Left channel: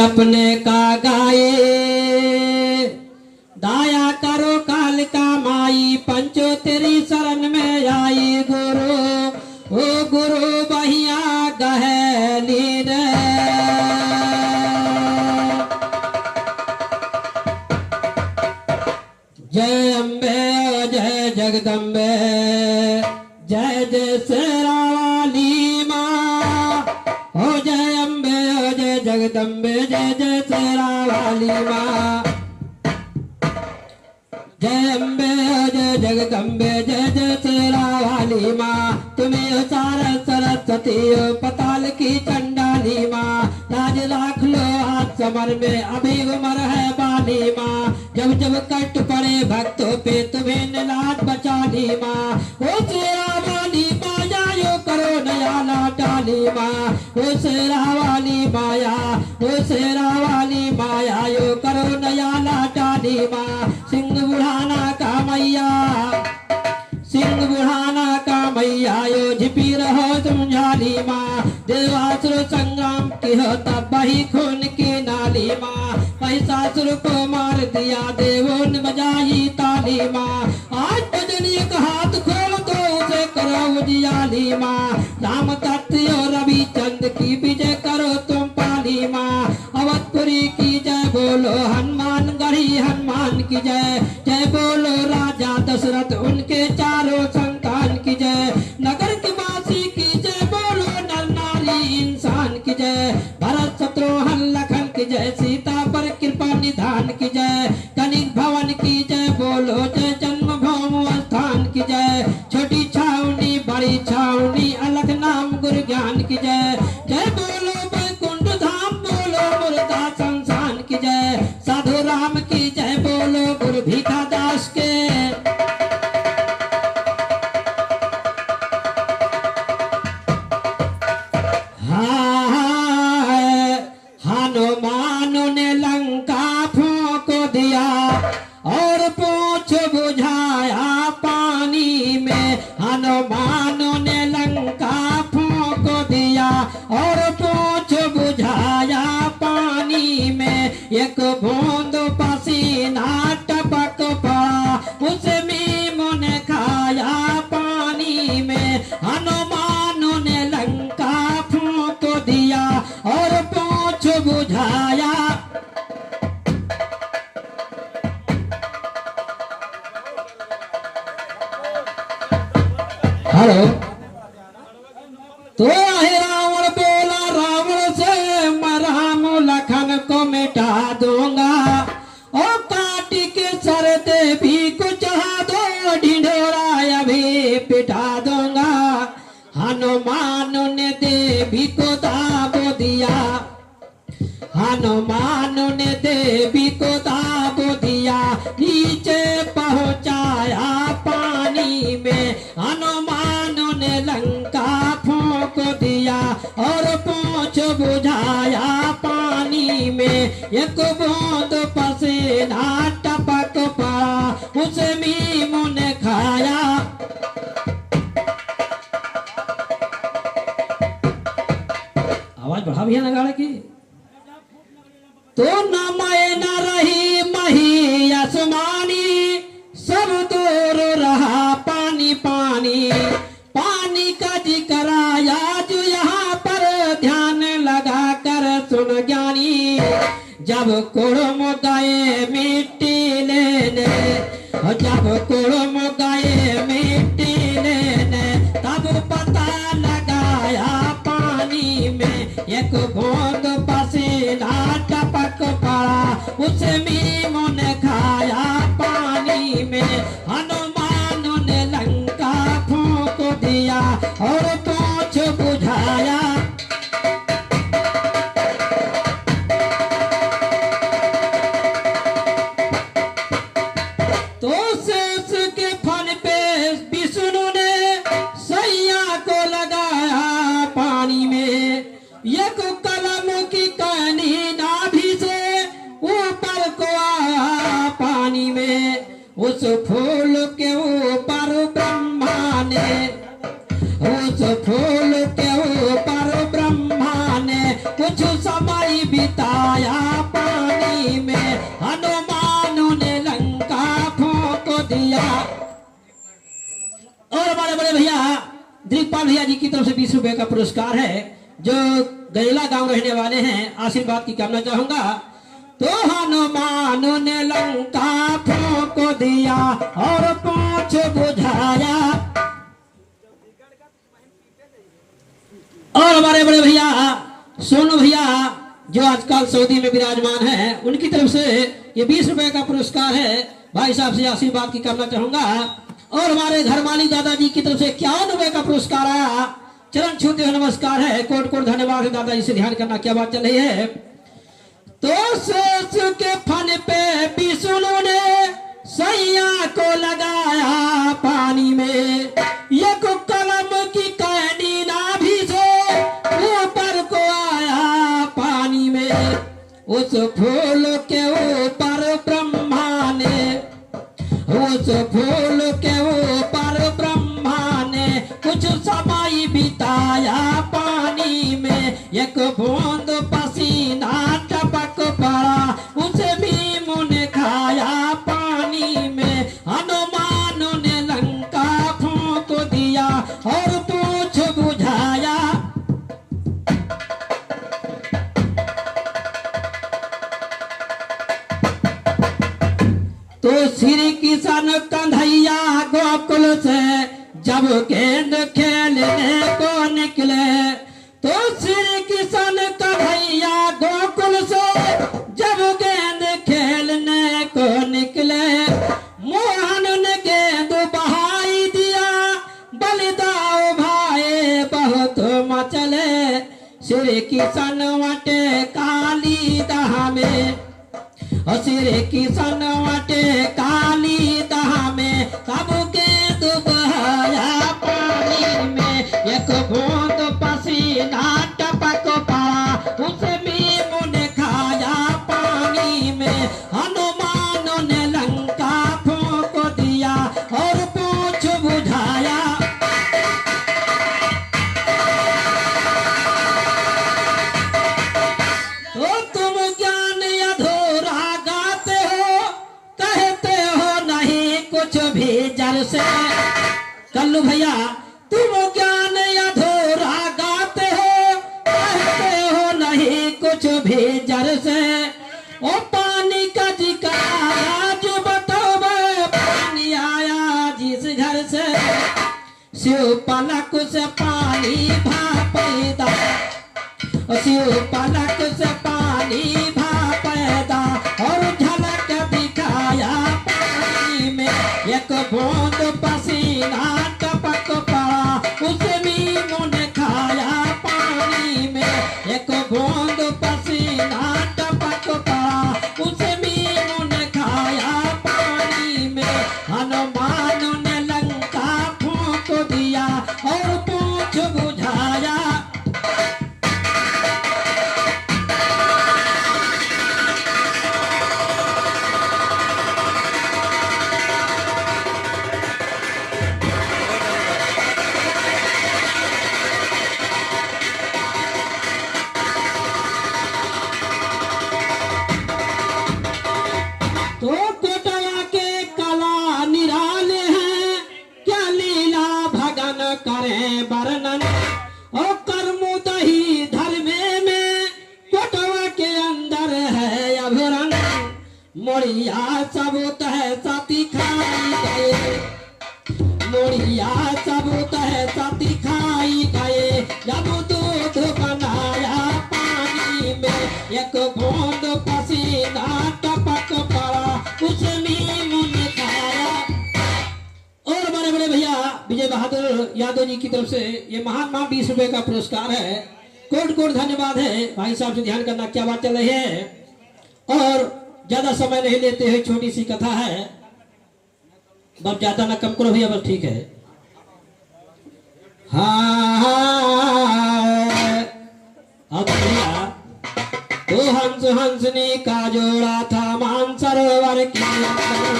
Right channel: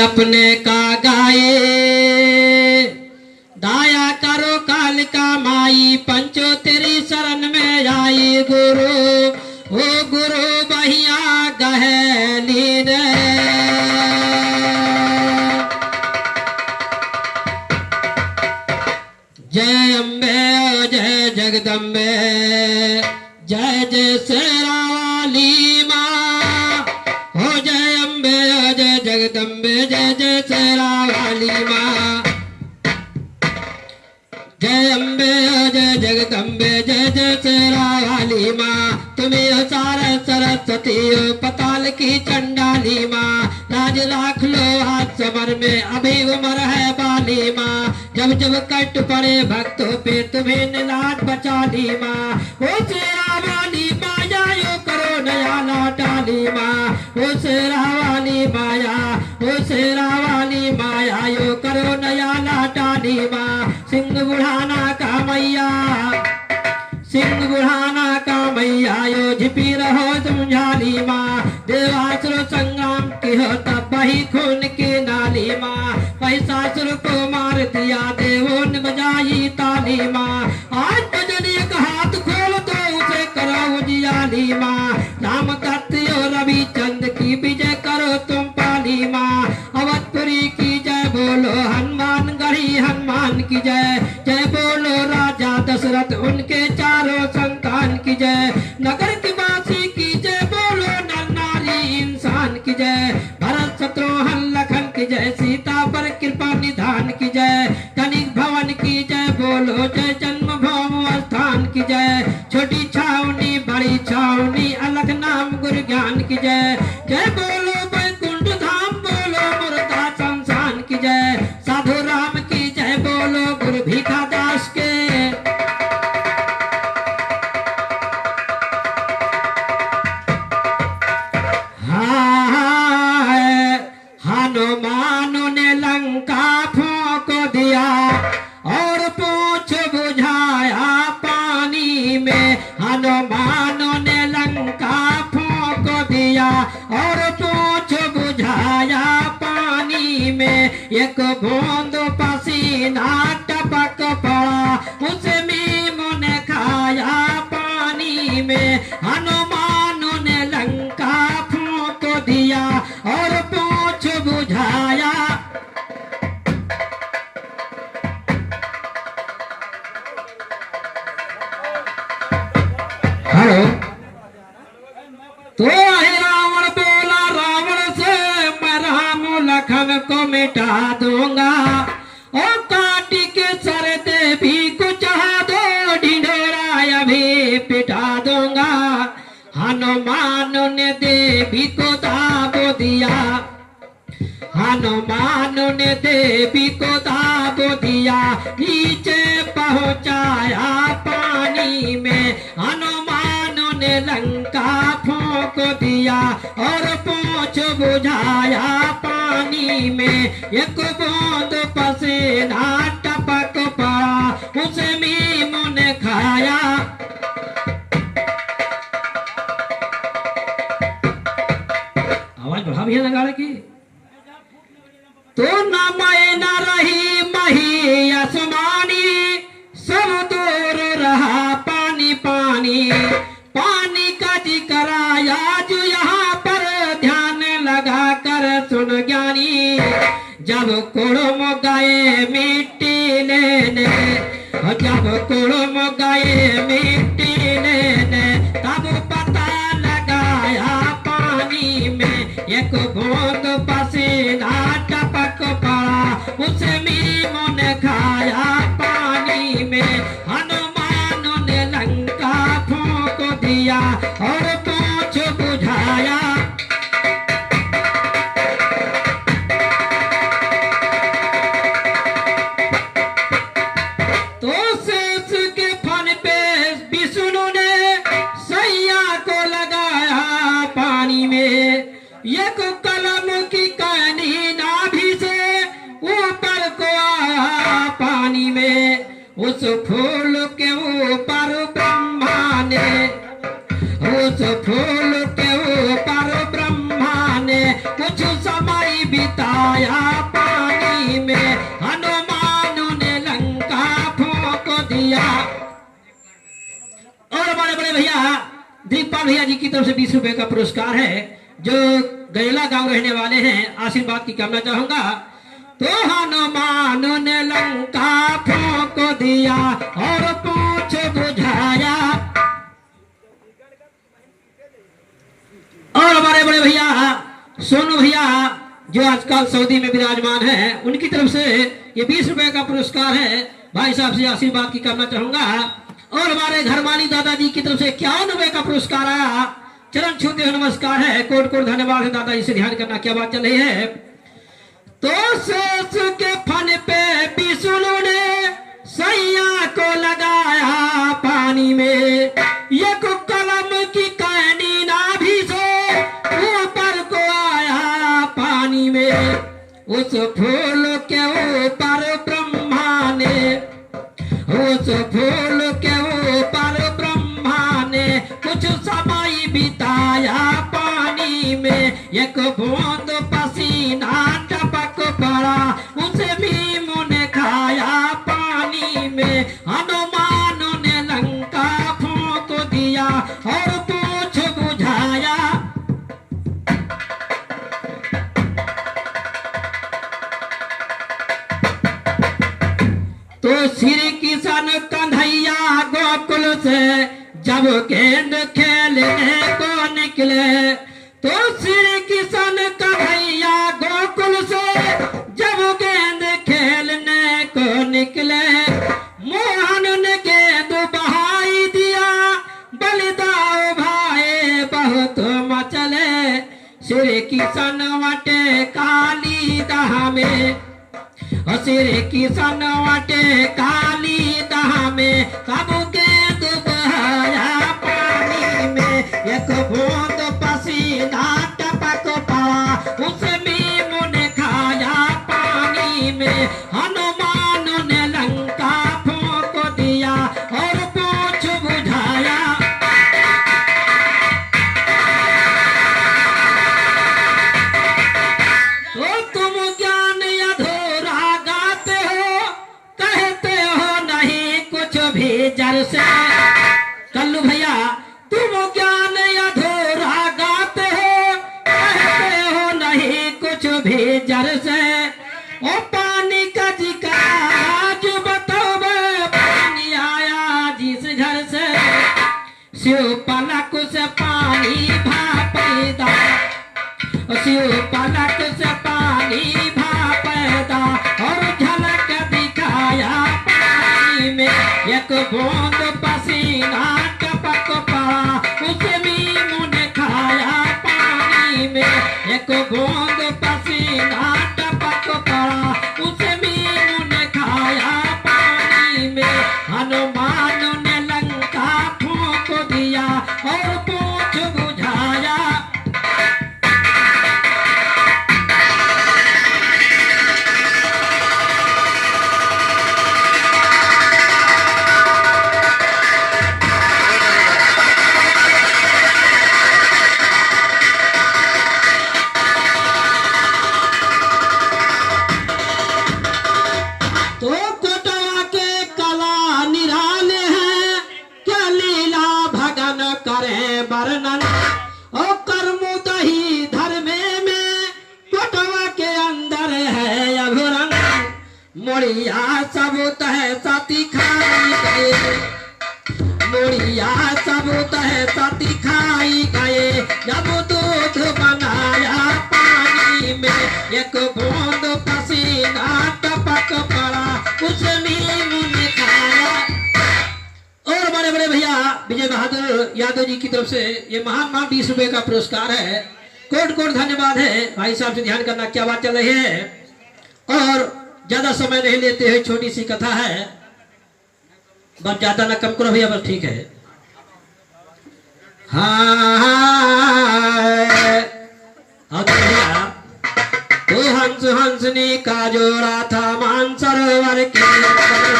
अपने का गाए दाया करो कालिका माई पंचो तेरी शरण में आई गुरु ओ गुरु बहिया गहली रे जय अम्बे जय जगदम्बे जय जय शेरा वाली माँ हो जय अम्बे जय जगदम्बे जय जय शेरा वाली माँ जय अम्बे जय जगदम्बे जय जय शेरा वाली माँ तुम्हें हो सारा सरस्वती हो पताल की चंडाली माँ राज लाख लो हाथ समर में अभी उमर है बाली माँ जब जब कष्ट पड़े भक्तों पे तुम्हें निलाज बचा ली माँ ओ शेरा वाली माया यो करो नया लाटाली माँ ओ शेरा वाली माया ओ शेरा वाली माया यो करो नया लाटाली माँ सिंह बुढ़ाना का मैया सिंह बुढ़ाना का मैया यो झिपी रहो तुम झाली माँ देवासुर संग्राम की हो तब बही खून की नाली माँ महिषासुर को मार दिया देवों ने बजाई ताली माँ आज भजन एक हाथ खोल तो उसे करो उजियाली माँ राम कत्यो रवि चंद की विजय करो तुम पाली माँ अवधपुरी की जय बोलो हनुमान गढ़ी हनुमान की जय जय बोलो राजा दशरथ उनके चारों संतान की जय नगर की वासी की जय बोलो नर नारी इंसान की जय भरत शत्रुघ्न लखन की जय सीता पर कृपा निधान की जय कनिक भवन की जय बोलो जय जन्मभूमि स्थान की जय छोटी छावनी बड़ी छावनी अलग नाम गुरु ज्ञान की जय जय बोलो वैकुंठ धाम बोलो मुर्दा संसान की जय साधु राम की जय बोलो गुरु भीखा दास के हनुमान ने लंका फूंक दिया और पूछ बुझाया पानी में हनुमान ने लंका फूंक दिया और पूछ बुझाया पानी में एक बूंद पसीना टपक पड़ा उसे मीम ने खाया पानी में हनुमान ने लंका फूंक दिया और पूछ बुझाया हेलो तो है रावण बोला रावण से मैं राम लखन को मिटा दूंगा और काटी के सर देवी को चाह दो ढिंढोरा अभी पिटा दूंगा हनुमान ने देवी को दाब दिया हनुमान ने देवी को दाब दिया नीचे पहुंचाया पानी में हनुमान ने लंका फूंक दिया और पूछ बुझाया पानी में एक बूंद पसीना टपक पड़ा उसे मीम ने खाया आवाज बढ़ा भी है लगा की तो न मैं न रही मही आसमानी सब दूर रहा पानी पानी पानी का जिक्र आया जो यहाँ पर ध्यान लगा कर सुन ज्ञानी जब कुड़म गए मिट्टी लेने जब कुड़म गए मिट्टी लेने तब पता लगाया पानी में एक बूंद पसीना टपक पड़ा उसे मीम ने खाया पानी में हनुमान ने लंका फूंक दिया और पूछ बुझाया तो शेष के फन पे विष्णु ने सैया को लगाया पानी में एक कलम की कहानी नाभि से ऊपर को आया पानी में उस फूल के ऊपर ब्रह्मा ने उस फूल के ऊपर ब्रह्मा ने कुछ समय भी बिताया पानी में, हनुमान ने लंका फूंक दिया। और बड़े बड़े भैया दिलीपाल भैया जी की तरफ से 20 रुपए का पुरस्कार है, जो गैला गांव रहने वाले हैं, आशीर्वाद की कामना चाहूंगा। तो हनुमान ने लंका फूंक दिया और पूछ बुझाया। और हमारे बड़े भैया सोनू भैया जो आजकल सऊदी में विराजमान है, उनकी तरफ से ये 20 रुपए का पुरस्कार है, भाई साहब से आशीर्वाद की कामना चाहूंगा। और हमारे घर माली दादाजी की तरफ से 51 रुपए का पुरस्कार आया, चरण छूते हुए नमस्कार है, कोट कोट धन्यवाद है दादाजी से। ध्यान करना क्या बात चल रही है। तो सोच के फन पे विष्णु ने सैया को लगाया पानी में, एक कलम की कहनी नाभि से ऊपर को आया पानी में। उस फूल के ऊपर ब्रह्मा ने, उस फूल के ऊपर ब्रह्मा ने कुछ समय बिताया पानी में। एक बूंद पसीना टपक पड़ा, उसे भीम ने खाया पानी में। हनुमान ने लंका फूंक दिया और पूछ बुझाया। तो श्री किशन कन्हैया गोकुल से जब गेंद खेलने को निकले, तो श्री किशन कन्हैया गोकुल से जब गेंद खेलने को निकले, मोहन ने गेंद बहाई दिया, बलिदाओ भाई बहुत मचले। श्री किशन वटे काली दाह में, श्री किशन वटे काली दाह में, सब गेंद बहाया पानी में। एक बूंद पसीना टपक पड़ा, उसे भीम ने खाया पानी में। हनुमान ने लंका फूंक दिया और पूछ बुझाया। तो तुम ज्ञान अधूरा गाते हो, कहते हो नहीं कुछ भी जर से। कल्लू भैया तुम ज्ञान अधूरा गाते हो, कहते हो नहीं कुछ भी जर से। ओ पानी का जिक्र आज बताओ, पानी आया जिस घर से। शिव पलक से पानी भापेदा, शिव पलक से पानी भापेदा, और झलक दिखाया पानी में। एक बूंद पसीना टपक पड़ा, उसे भीम ने खाया पानी में। एक बूंद पसीना टपक पड़ा, उसे भीम ने खाया पानी में। हनुमान ने लंका फूंक दिया और पूछ बुझाया। तो कोटवा के कला निराले हैं, क्या लीला भगन करें वर्णन। और कर्मुदही धर्मे में कोटवा के अंदर है अभुरंग। मोड़िया सबूत है सती खाई गए, मोड़िया सबूत है सती खाई गए। जब दूध बनाया पानी में, एक बूंद पसीना टपक पड़ा, उसे भीम ने खाया। और बड़े बड़े भैया विजय बहादुर यादव जी की तरफ से ये महान 20 रुपए का पुरस्कार है, कोट कोट धन्यवाद है। भाई साहब से ध्यान करना क्या बात चल रही है। और ज्यादा समय नहीं लेते हुए छोटी सी कथा है, बस ज्यादा ना कम करो भैया, बस ठीक है। हाँ भैया, तो हंस हंसनी का जोड़ा था मान सरोवर के अंदर।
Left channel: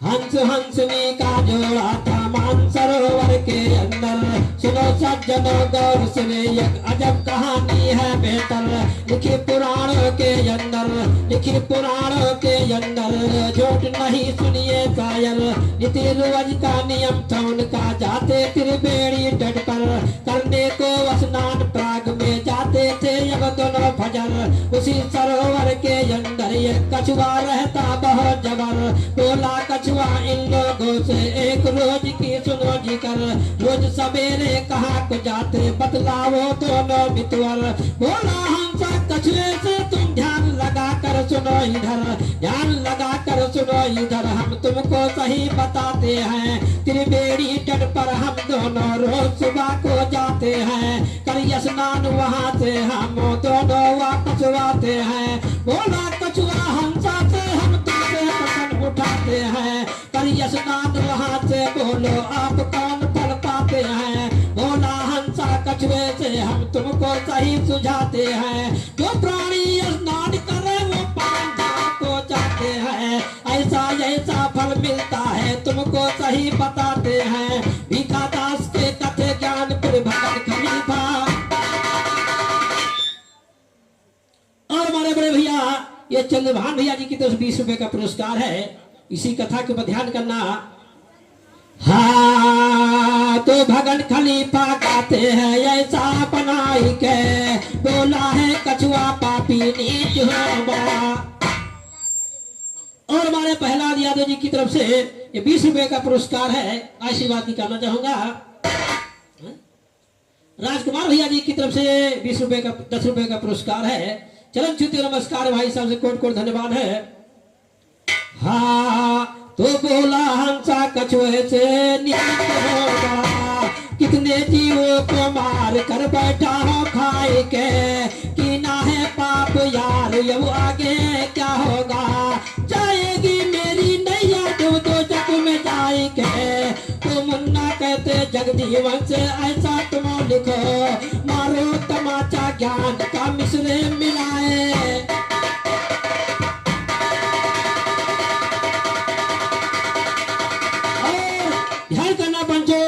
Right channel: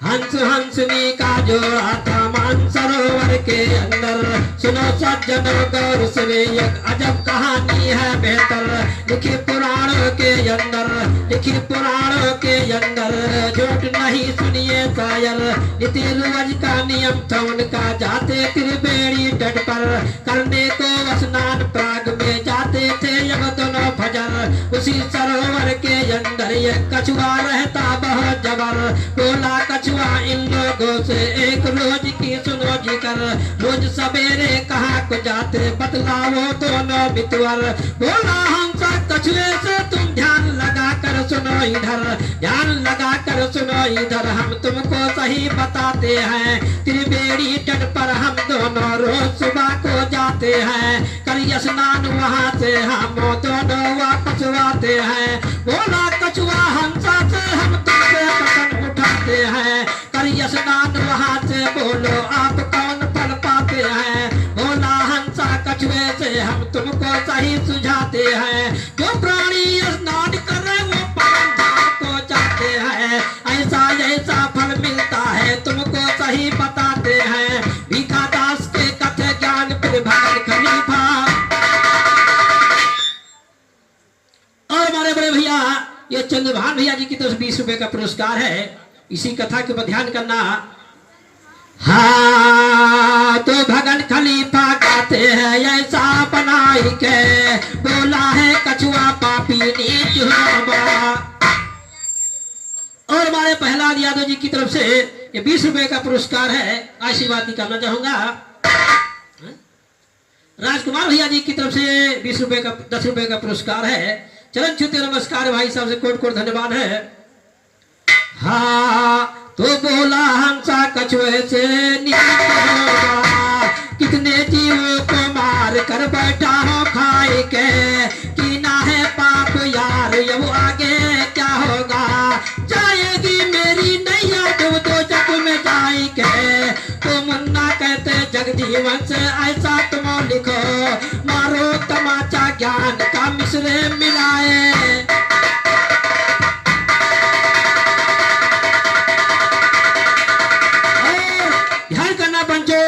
हंस हंसनी का जोड़ा था मानसरोवर के अंदर। सुनो सज्जनों गौर से एक अजब कहानी है बेहतर, लिखी पुराणों के अंदर, लिखी पुराणों के अंदर। झूठ नहीं सुनिए शायर, रीति रिवाज का नियम था उनका। जाते त्रिवेणी तट पर करने को स्नान, प्राग में जाते थे जब दोनों भजन। उसी सरोवर के अंदर ये कछुआ रहता बहुत जबर। बोला कछुआ इन लोगों से एक रोज की सुनो जिक्र। रोज सवेरे कहाँ को जाते बतलाओ दोनों मितवर। बोला हम सब कछुए से तुम ध्यान लगा कर सुनो इधर, ध्यान लगा कर सुनो इधर। हम तुमको सही बताते हैं, त्रिवेणी तट पर हम दोनों रोज सुबह को जाते हैं। कर स्नान वहाँ से हम दोनों वापस आते हैं। बोला कछुआ हंसा से हम तुमसे पतंग उठाते हैं। कर स्नान वहाँ से बोलो आप कौन पढ़ पाते हैं। बोला हंसा कछुए से हम तुमको सही सुझाते हैं। जो प्राणी स्नान करे वो परम धाम को जाते हैं। ऐसा ऐसा फल मिलता है तुमको सही बताते हैं। भीखा दास के कथे ज्ञान पर भगत खलीफा। और हमारे बड़े भैया ये चंद्रभान भैया जी की तरफ 20 रुपए का पुरस्कार है। इसी कथा के ऊपर ध्यान करना। हाँ तो भगत खलीफा गाते हैं ऐसा बनाई के, बोला है कछुआ पापी नीच होगा। और हमारे प्रहलाद यादव जी की तरफ से ये 20 रुपए का पुरस्कार है, आशीर्वाद भी करना चाहूंगा। राजकुमार भैया जी की तरफ से 20 रुपए का 10 रुपए का पुरस्कार है। चरण छूते नमस्कार भाई साहब से कोट कोट धन्यवाद है। हाँ तो बोला हंसा कछुए से नीच होगा, कितने जीवों को मार कर बैठा हो खाए के। कि ना है पाप यार ये वो आगे क्या होगा, जाएगी मेरी नैया डूब दो जग में जाए के। तो मुन्ना कहते जगदीवन से ऐसा तुम लिखो, मारो तमाचा ज्ञान का मिश्रे मिलाए। ध्यान करना बंचो,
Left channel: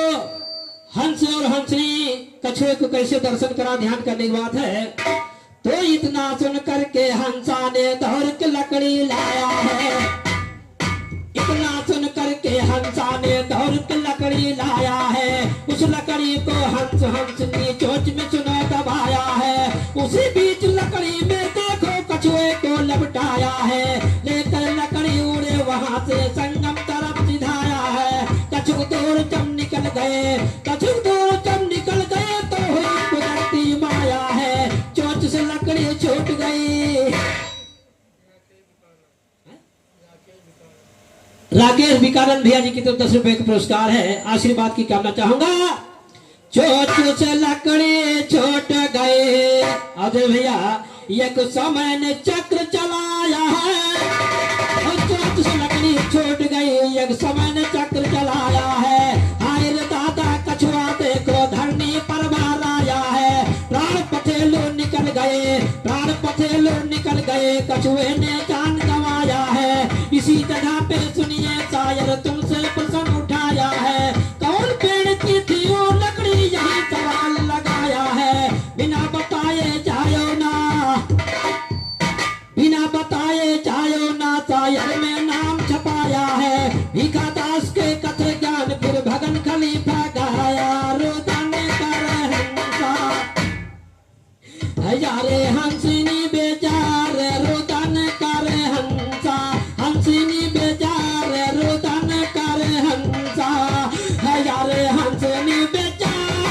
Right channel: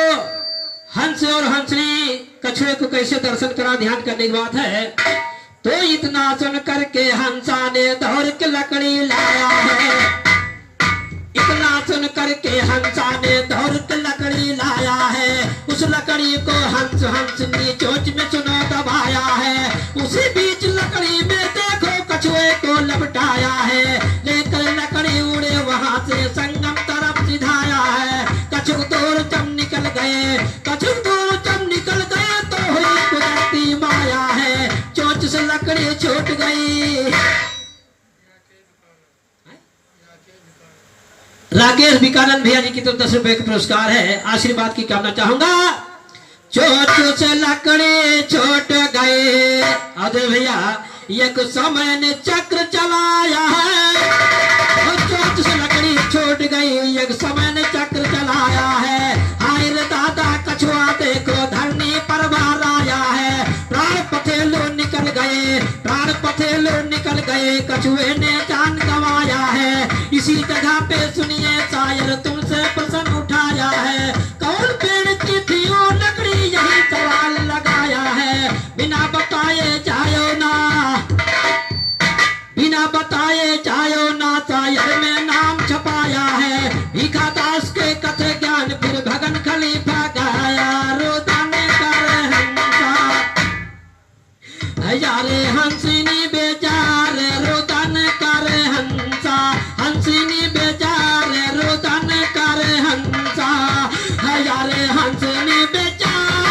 हंस और हंसनी कछुए को कैसे दर्शन करा ध्यान करने की बात है। तो इतना सुन करके हंसा ने दौड़ के लकड़ी लाया है। इतना सुन करके हंसा ने दौड़ के लकड़ी लाया है। उस लकड़ी को हंस हंसनी चोंच में सुनो दबाया है। उसी बीच लकड़ी में देखो कछुए को लपटाया है। लेकर लकड़ी उड़े वहां से संगम तरफ सिधाया है। कछुक दूर जब निकल गए, कछुक दूर जब निकल गए तो हुई कुदरती माया है। चोंच से लकड़ी छूट गई। राकेश विकानंद भैया जी की तरफ 10 रुपए का पुरस्कार है, आशीर्वाद की कामना चाहूंगा। चोंच से लकड़ी छूट गए। अरे भैया एक समय ने चक्र चलाया है। चोंच से लकड़ी छूट गई, एक समय ने चक्र चलाया है। हाय रे दादा कछुआ देखो धरनी पर बाहर आया है। प्राण पथेलो निकल गए, प्राण पथेलो निकल गए, कछुए ने जान गंवाया है। इसी जगह पे सुनिए शायर तुमसे प्रश्न उठाया है। कौन पेड़ की थी वो लकड़ी, यही सवाल लगाया है। बिना बताए जायो ना, बिना बताए जायो ना, शायर में नाम छपाया है। भीखा दास के कथे ज्ञान फिर भगन खलीफा गाया। रोदन कर हंसा यारे हंसिनी बेजार, रोदन कर हंसा, हंसिनी बेजार, रोदन कर हंसा। यारे हंसिनी बेजार,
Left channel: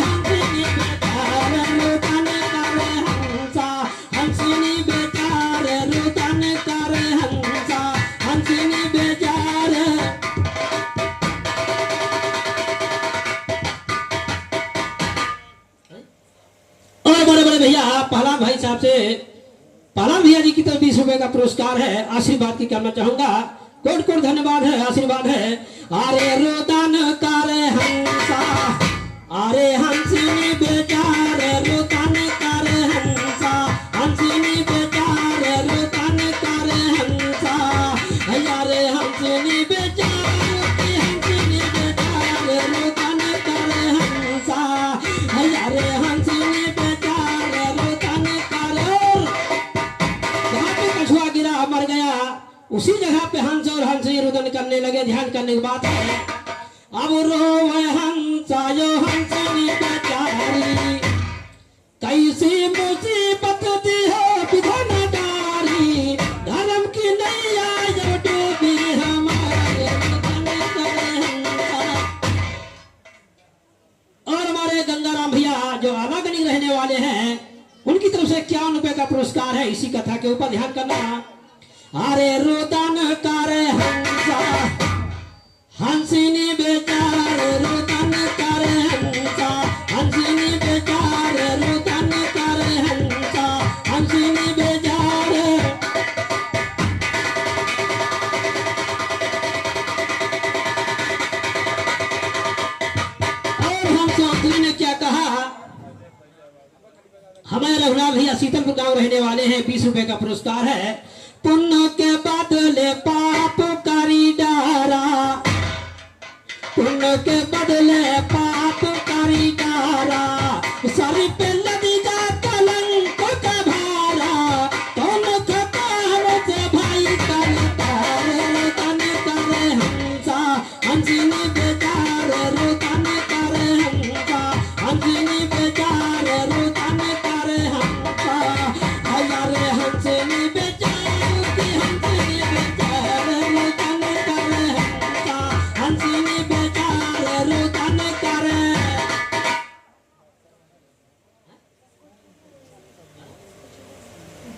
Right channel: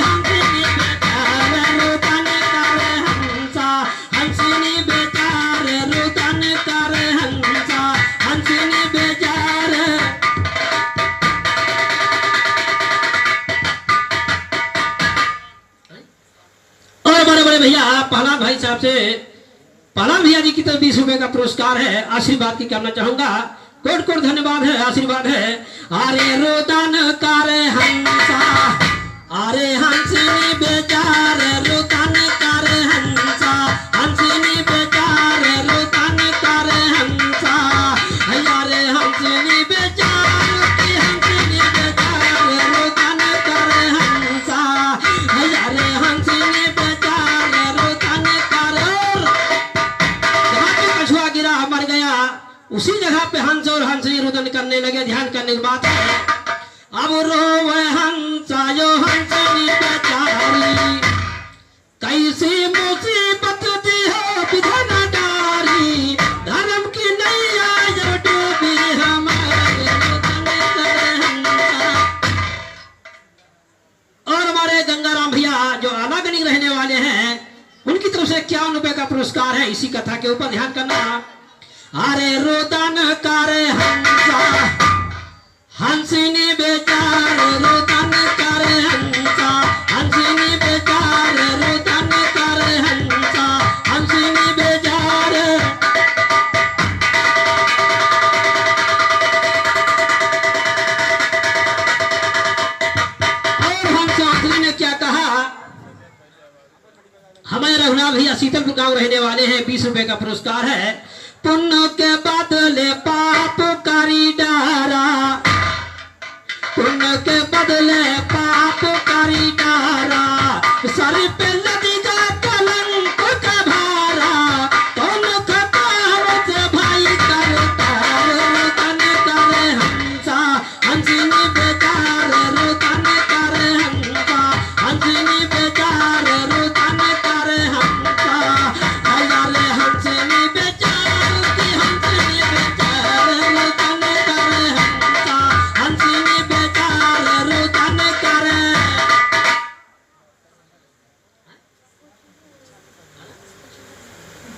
हंसिनी बेजार, रोदन कर हंसा, हंसिनी बेजार, रोदन कर हंसा, हंसिनी बेजार। और बड़े बड़े भैया पहलवान भाई साहब से, पहलवान भैया जी की तरफ 20 रुपए का पुरस्कार है, आशीर्वाद की करना चाहूंगा। कोट कोट धन्यवाद है, आशीर्वाद है। अरे रोदन कर हंसा, अरे हंसिनी बेजार, रोदन कर हंसा, हंसिनी बेजार, रोदन कर हंसा। अरे हंसिनी बेजार। उसी जगह पे हंस और हंसनी रुदन करने लगे। ध्यान करने की बात है। अब रोवे हंसा यो हंसनी बेचारी, कैसी मुसीबत दी हो विधन डारी, धर्म की नैया जो डूबी हमारे और हमारे गंगाराम भैया जो आलागनी रहने वाले हैं, उनकी तरफ से 51 रुपए का पुरस्कार है। इसी कथा के ऊपर ध्यान करना। अरे रुदन करे हंसा हंसिनी बेचार, रुदन करे हंसा हंसिनी बेचार, रुदन करे हंसा हंसिनी बेचार। और हंस आखिरी ने क्या कहा? हमारे रघुनाथ भैया शीतलपुर गांव रहने वाले हैं। 20 रुपए का पुरस्कार है। पुण्य के बदले पाप करी डारा, पुण्य के बदले पाप करी डारा, सर पे लदीगा कलंक का भारा, कौन खतावत भाई करता, रुदन करे हंसा हंसिनी बेचार, रुदन करे हंसा हंसिनी बेचार, रुदन करे हंसा। अरे हंसिनी बेचार की हंसिनी बेचार, रुदन करे हंसा हंसिनी बेचार, रुदन करे।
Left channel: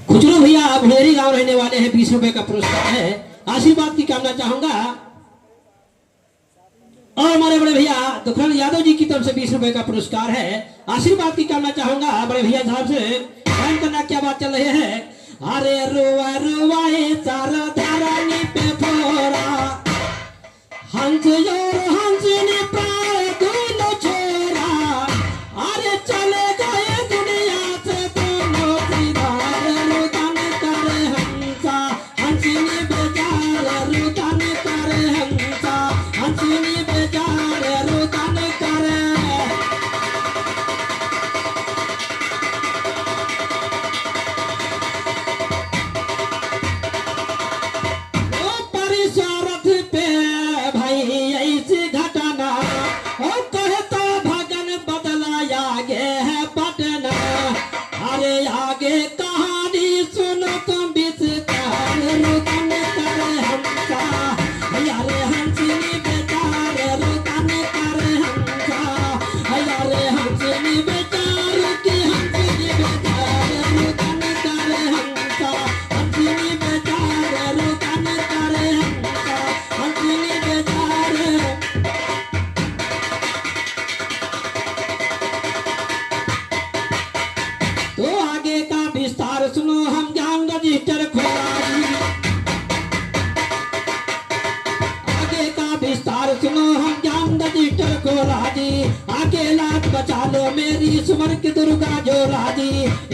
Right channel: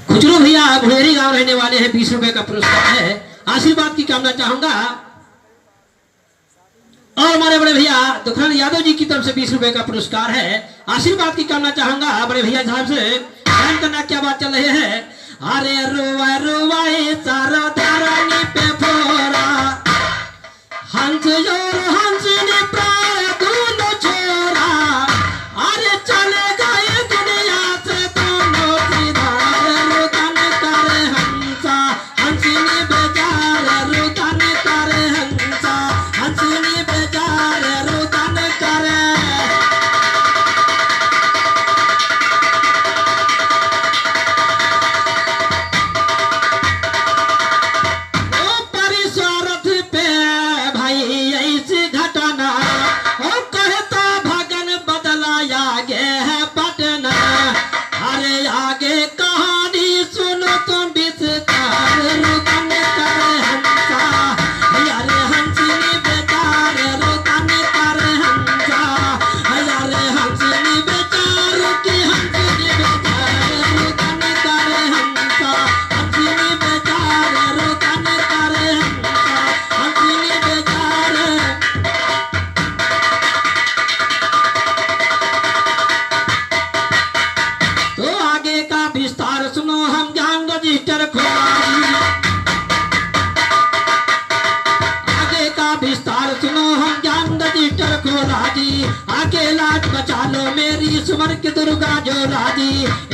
खुजरो भैया भुलेरी गांव रहने वाले हैं। 20 रुपए का पुरस्कार है। आशीर्वाद की कामना चाहूंगा। और हमारे बड़े भैया दुखराम यादव जी की तरफ से 20 रुपए का पुरस्कार है। आशीर्वाद की कामना चाहूंगा बड़े भैया साहब से। ध्यान करना क्या बात चल रही है। अरे रुआ रुआए सारा धारानी पे फोरा, हंस जोर हंसनी प्राण दोनों छोरा, अरे चले गए दुनिया से दोनों सिधार, रुदन करे हंसा हंसिनी बेचार, रुदन करे हंसा हंसिनी बेचार, रुदन करे। ओ परिसरथ पे भाई ऐसी घटना, ओ कहता भगन बदलाया गे है पटना, अरे आगे कहानी सुनो तुम विस्तार, रुदन करे हंसा अरे हंसिनी बेचार, रुदन करे हंसा अरे हंसिनी बेचार की हंसिनी बेचार, रुदन करे हंसा हंसिनी बेचार, रुदन करे हंसा हंसिनी बेचार। तो आगे का विस्तार सुनो, हम ज्ञान रजिस्टर खोला जी। आगे का विस्तार सुनो, हम ज्ञान रजिस्टर खोला जी। आगे लाज बचा लो मेरी सुमर की दुर्गा जोला जी।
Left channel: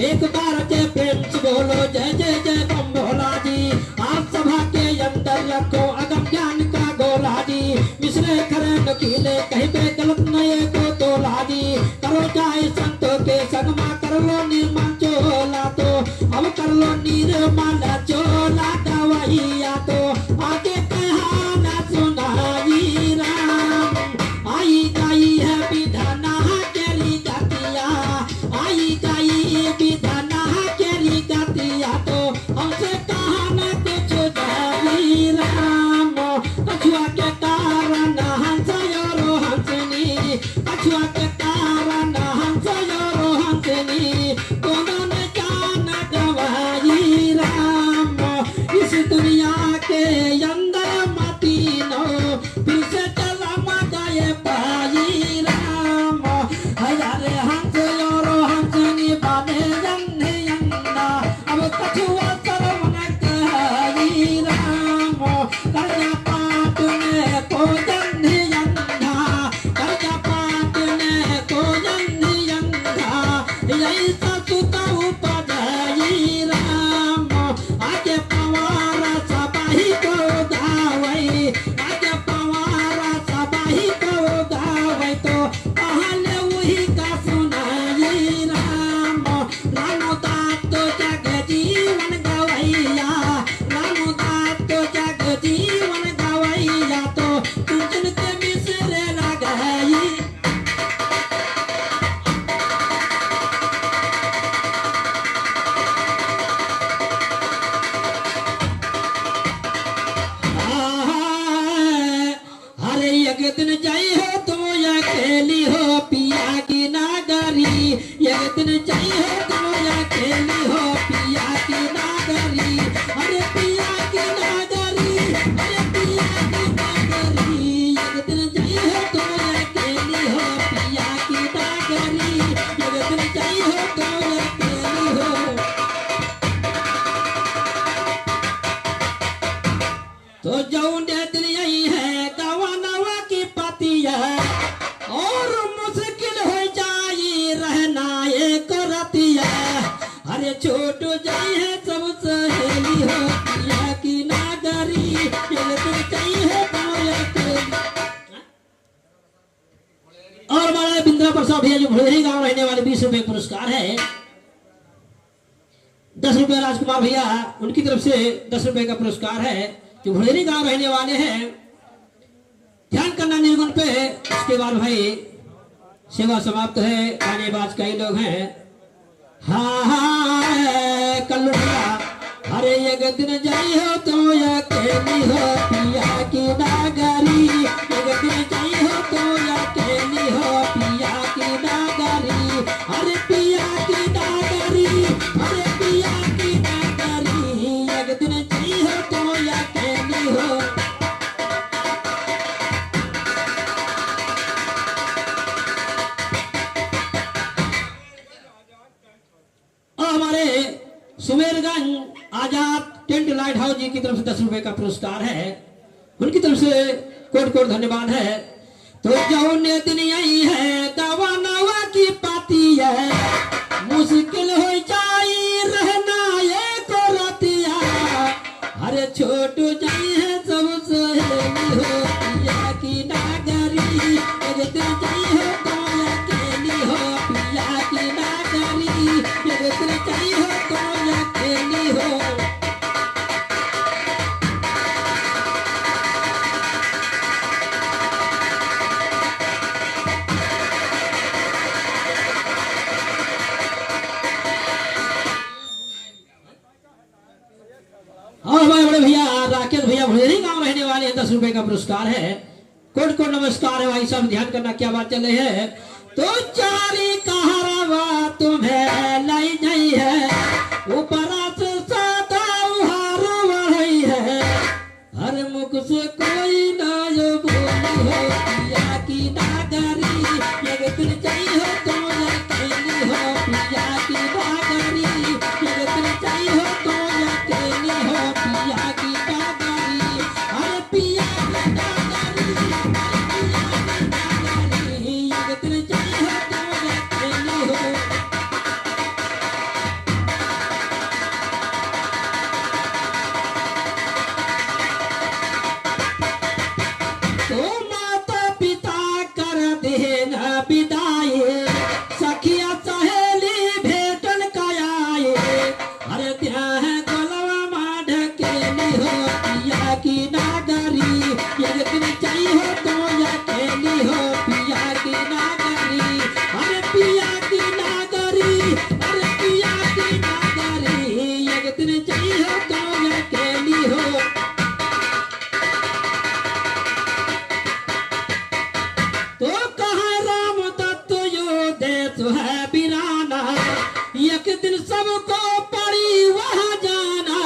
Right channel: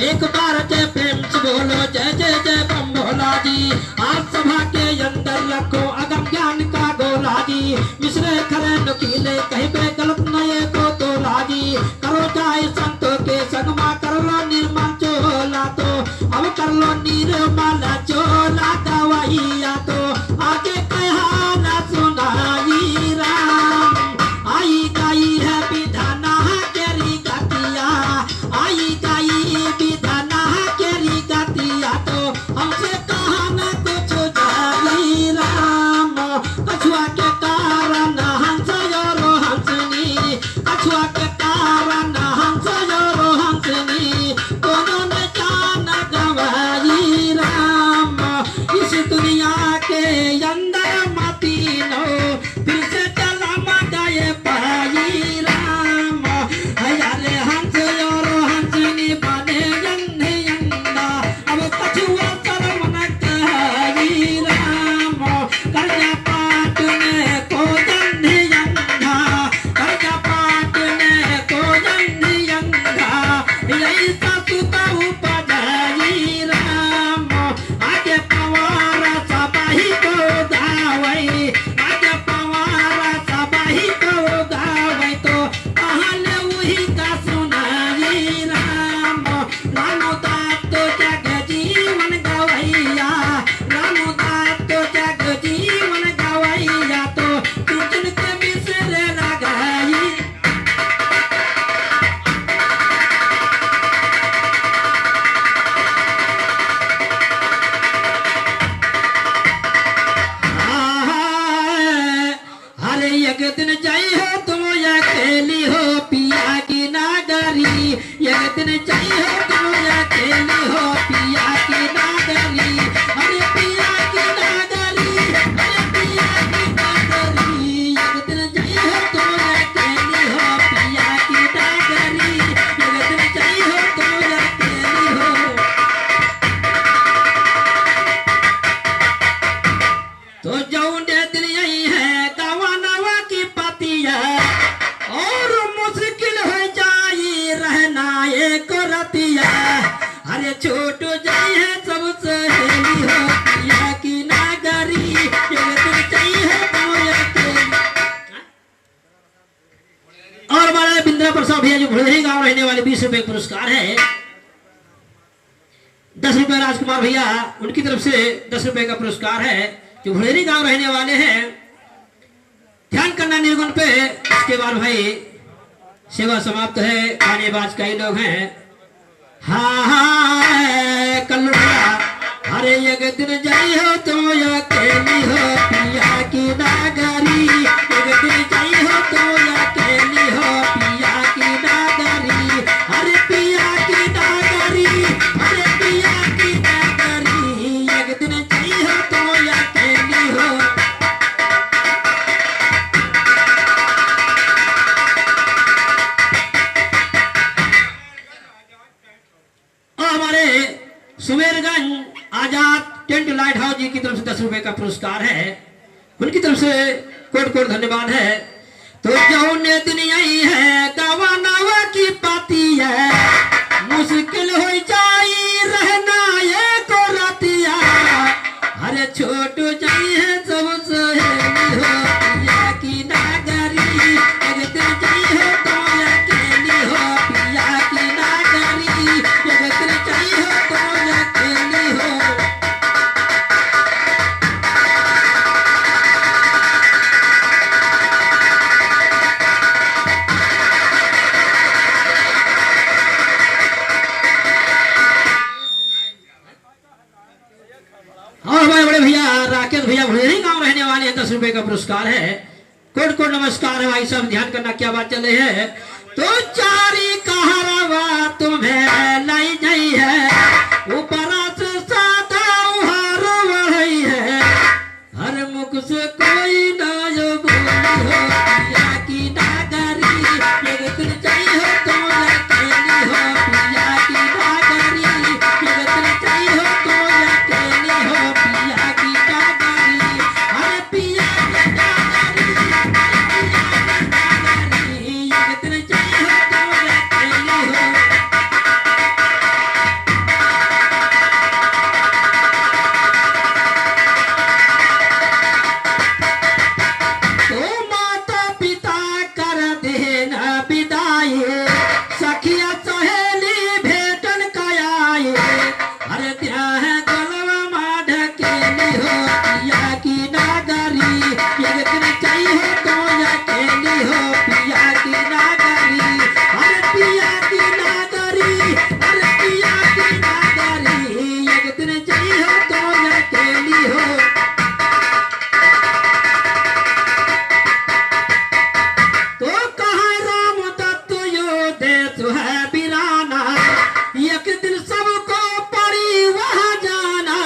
एक बार जय प्रेम से बोलो जय जय जय बम भोला जी। आप सभा के अंदर रखो अगम ज्ञान का गोला जी। मिश्रे खरे नुकीले कहीं पे गलत नए को तोला जी। करो चाहे संतों के संगमा, कर लो निर्मल चोला तो, अब कर लो निर्मल चोला दवाइया तो। आगे कहाना सुनाई राम, आई गई है विधाना केरी गतिया, आई गई विधाना के छोट जाई है सब सहेली हो पिया की नागरी एक दिन चाहिए है तो अकेली। और हमारे बिंद्रा प्रसाद भैया जो भुलेरी गांव रहने वाले 20 रुपए पुरस्कार है। 10 रुपए राजकुमार भैया उनकी तरफ से 10 रुपए का पुरस्कार है जो भुलेरी गांव रहने वाले हैं। ध्यान करना निर्गुण पे। इसके बाद भाई सेवा समाप्त है। आने बाज कई लोग हैं। हाँ कल्लू भैया अरे एक दिन जाई हो तो अकेली हो पिया की नागरी एक दिन जाई हो तो अकेली हो पिया की नागरी अरे पिया की नागरी अरे पिया की नागरी एक दिन जाई हो तो अकेली हो। और हमारे सुमेरगंज आजाद टेंट लाइट हाउस जी की तरफ से 10 रुपए का पुरस्कार है। उनकी तरफ से कोट कोट धन्यवाद है। तो जौने दिन यही है दवा नवा की पाती है मुश्किल हो जाई रहना ये को रातिया अरे छोट जाई है सब सहेली हो पिया की नागरी एक दिन जाई हो तो अकेली हो पिया की नागरी एक दिन जाई हो तो अकेली हो। और हमारे बड़े भैया राकेश भैया भुलेरी गांव रहने वाले हैं। 10 रुपए का पुरस्कार है। कोट कोट नमस्कार है भाई साहब। ध्यान करना क्या बात चल रही है। तो चारी कहरवा तुम्हें लाई गई है ऊपरा से सादा उहार बढ़ई है हर मुख से कोई ना जो बोली हो पिया की नागरी एक दिन चाहिए हो तो अकेली हो पिया की नागरी एक दिन चाहिए हो तो अकेली हो पिया की नागरी अरे पिया की नागरी एक दिन चाहिए हो तो अकेली हो। तो माता पिता कर देना विदाई सखिया सहेली भेटन कयाए अरे ध्यान गलवा माँ ढकेली हो पिया की नागरी एक दिन चाहिए हो तो अकेली हो पिया की नागरी अरे पिया की नागरी अरे पिया की नागरी एक दिन चाहिए हो तो अकेली हो। तो कहाँ राम दत्त यो देश है बिराना एक दिन सबको पड़ी वहाँ जाना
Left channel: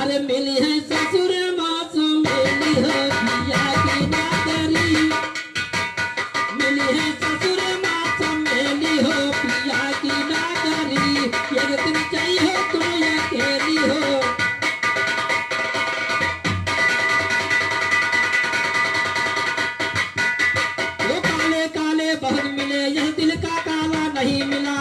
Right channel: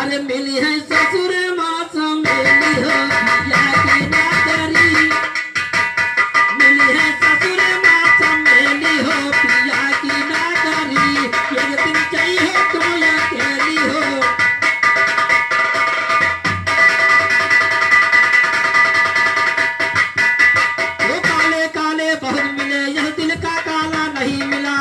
अरे मिली है ससुर माँ समेली हो पिया की नागरी मिली है ससुर माँ समेली हो पिया की नागरी एक दिन चाहिए हो तो अकेली हो। वो काले काले बहुत मिले यह दिल का काला नहीं मिला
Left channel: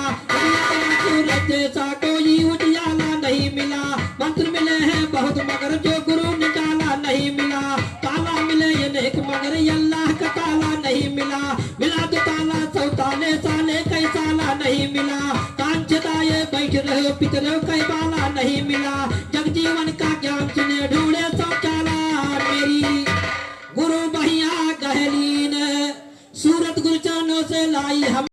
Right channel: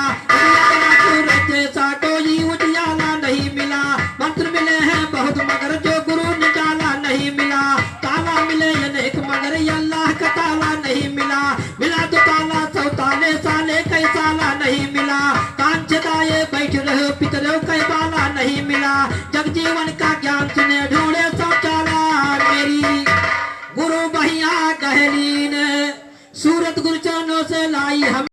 सूरज जैसा कोई उजियाला नहीं मिला मंत्र मिले हैं बहुत मगर जो गुरु निकाला नहीं मिला ताला मिले ये नेक मगर ये अल्लाह का ताला नहीं मिला मिला तो ताला सौताले साले कई साला नहीं मिला कान छदाए बैठ रहे पितरों कई बाला नहीं मिला जगजीवन का ज्ञान सुने ढूंढे शौचाला मेरी गुरु भैया कहली ने सूरत गुरचरणों से लाई हम